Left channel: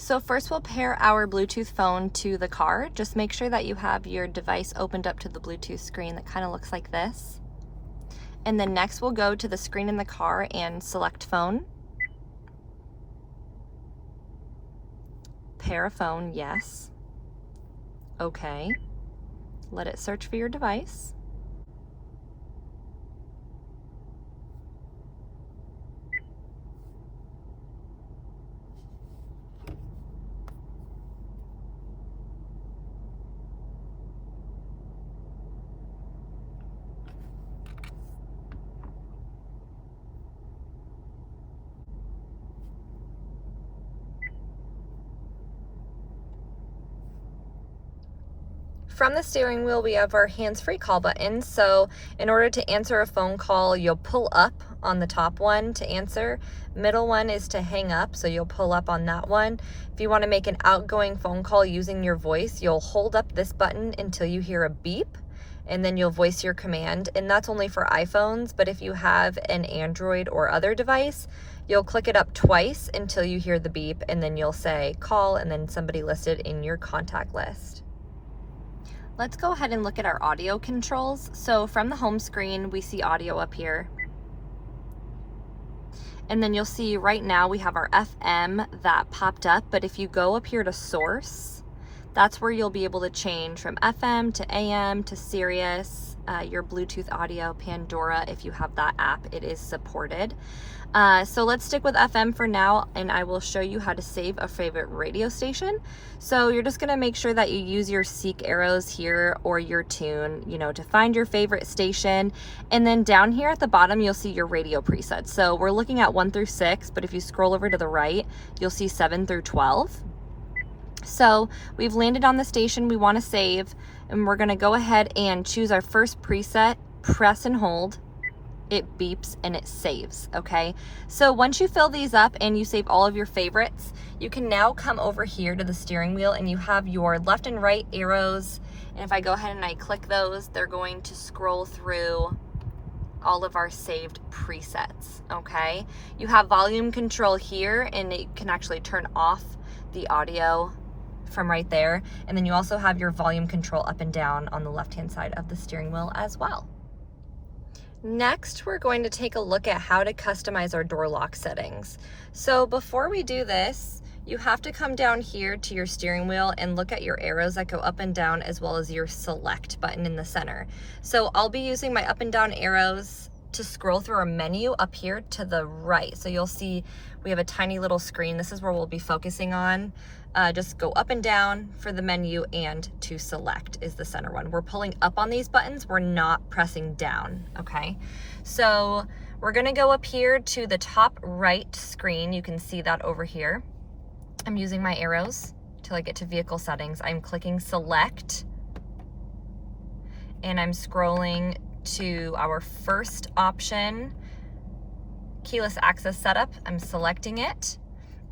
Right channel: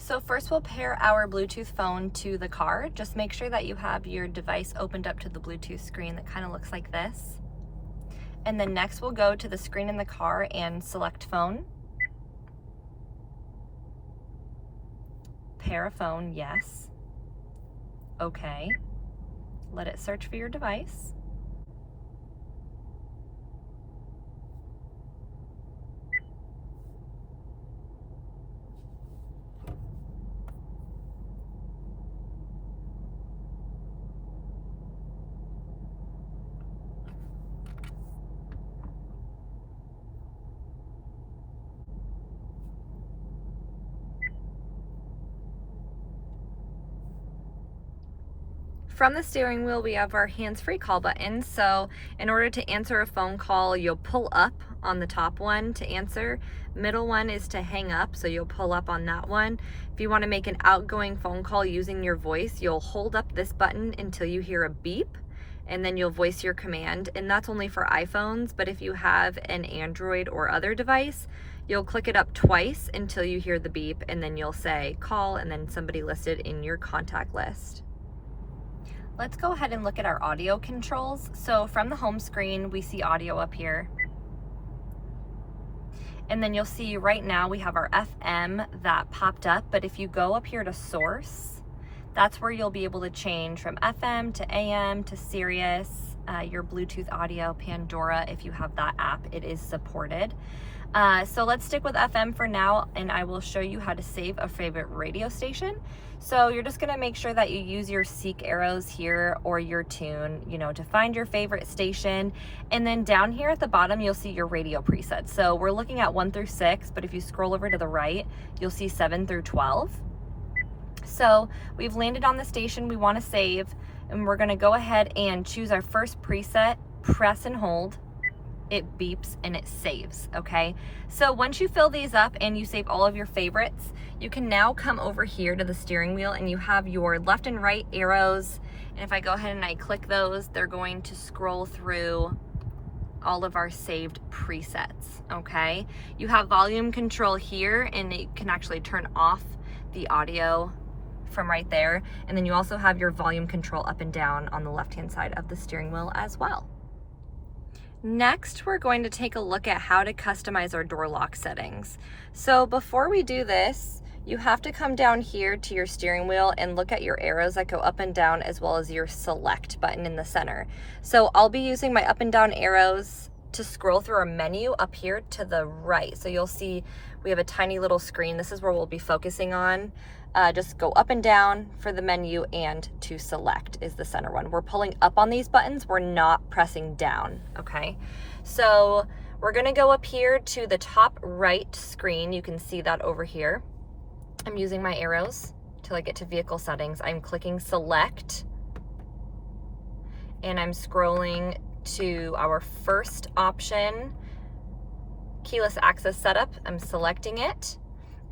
So first we'll pair our Bluetooth phone to the car. Just make sure that you have your device opened up to the Bluetooth screen that kind of looks like this. And then next we'll go to the screen in the car and select phone. Pair a phone, yes. Okay. Let it search for your device. From the steering wheel, we have our hands-free call button. So in order to answer a phone call, you'll pull up on the top one to answer. Middle one is to hang up, so you'll pull up on that one. If you want to make an outgoing phone call using your voice, you'll hold up this button until you hear a beep, and then you'll voice your command. And that's only for iPhones, but if you have an Android or other device, you'll click it up twice until you hear the beep, and then you'll say call, and then somebody listed in your contact list. Let's go ahead and look at our audio controls. So from the home screen, we see audio up here. And then you'll see right now we have our FM that popped up, but if you go up here to source, that's where you'll be able to change from FM to AM to Sirius, your Bluetooth audio, Pandora. If you have that app, it is supported. So let's stick with FM for now, and I will show you how to save a favorite radio station. So you're just gonna make sure that you use your seek arrows here or your tune, to find your favorite station. And then down here at the bottom, you'll see your radio presets. So we're looking at 1 through 6, but if you scroll over to the right, you'll see 7 through 12. So we've landed on the station we wanna save, and we're gonna go ahead and choose our first preset, press and hold. It beeps and it saves, okay? So once you fill these up and you save all of your favorites, you can now come over here to the steering wheel and you have your left and right arrows. And if I go ahead and I click those, they're going to scroll through all of our saved presets, okay? You have volume control here, and it can actually turn off the audio from right there. And then you also have your volume control up and down on the left-hand side of the steering wheel as well. Next, we're going to take a look at how to customize our door lock settings. So before we do this, you have to come down here to your steering wheel and look at your arrows that go up and down, as well as your select button in the center. So I'll be using my up and down arrows to scroll through our menu up here to the right. So you'll see we have a tiny little screen. This is where we'll be focusing on. Just go up and down for the menu, and to select is the center one. We're pulling up on these buttons, we're not pressing down, okay? So we're gonna go up here to the top right screen. You can see that over here. I'm using my arrows till I get to vehicle settings. I'm clicking select, and I'm scrolling to our first option, keyless access setup. I'm selecting it,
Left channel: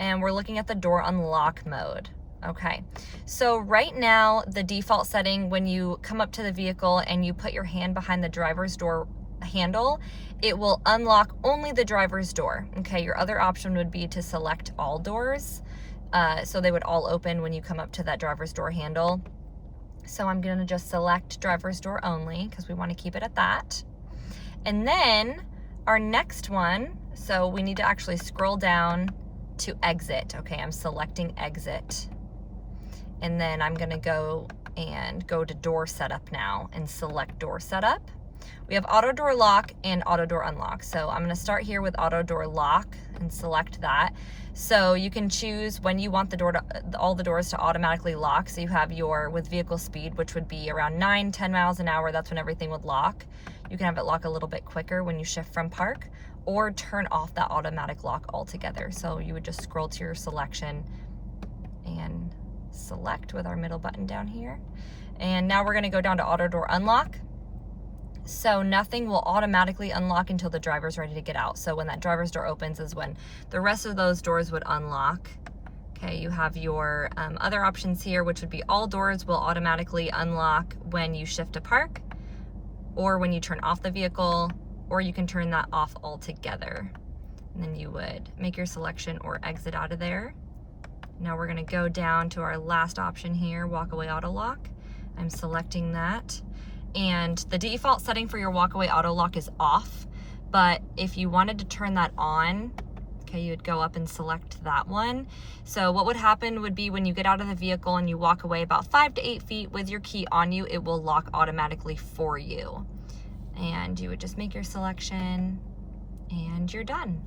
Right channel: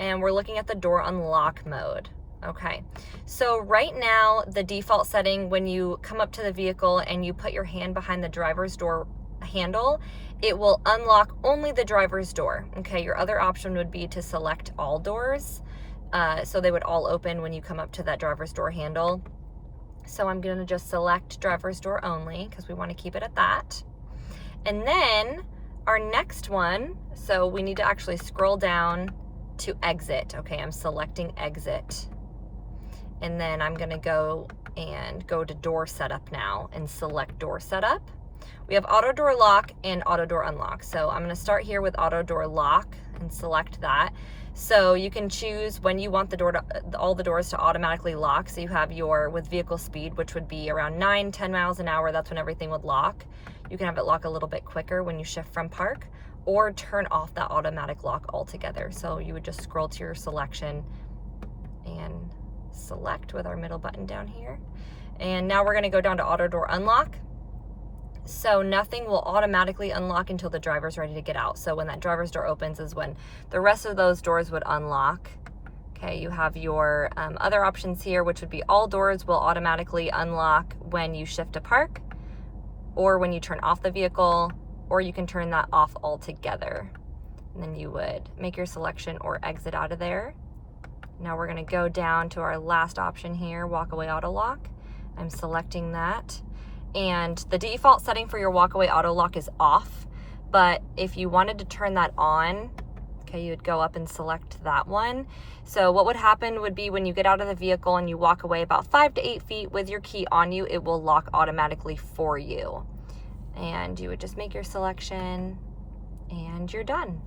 and we're looking at the door unlock mode. Okay, so right now the default setting, when you come up to the vehicle and you put your hand behind the driver's door handle, it will unlock only the driver's door. Okay, your other option would be to select all doors, so they would all open when you come up to that driver's door handle. So I'm gonna just select driver's door only because we want to keep it at that. And then our next one, so we need to actually scroll down to exit. Okay, I'm selecting exit. And then I'm gonna go to door setup now and select door setup. We have auto door lock and auto door unlock. So I'm gonna start here with auto door lock and select that. So you can choose when you want all the doors to automatically lock. So you have your with vehicle speed, which would be around 9-10 miles an hour. That's when everything would lock. You can have it lock a little bit quicker when you shift from park, or turn off that automatic lock altogether. So you would just scroll to your selection and select with our middle button down here. And now we're gonna go down to auto door unlock. So nothing will automatically unlock until the driver's ready to get out. So when that driver's door opens is when the rest of those doors would unlock. Okay, you have your other options here, which would be all doors will automatically unlock when you shift to park, or when you turn off the vehicle, or you can turn that off altogether. And then you would make your selection or exit out of there. Now we're gonna go down to our last option here, walkaway auto lock. I'm selecting that. And the default setting for your walkaway auto lock is off, but if you wanted to turn that on, okay, you would go up and select that one. So what would happen would be when you get out of the vehicle and you walk away about 5 to 8 feet with your key on you, it will lock automatically for you. And you would just make your selection and you're done.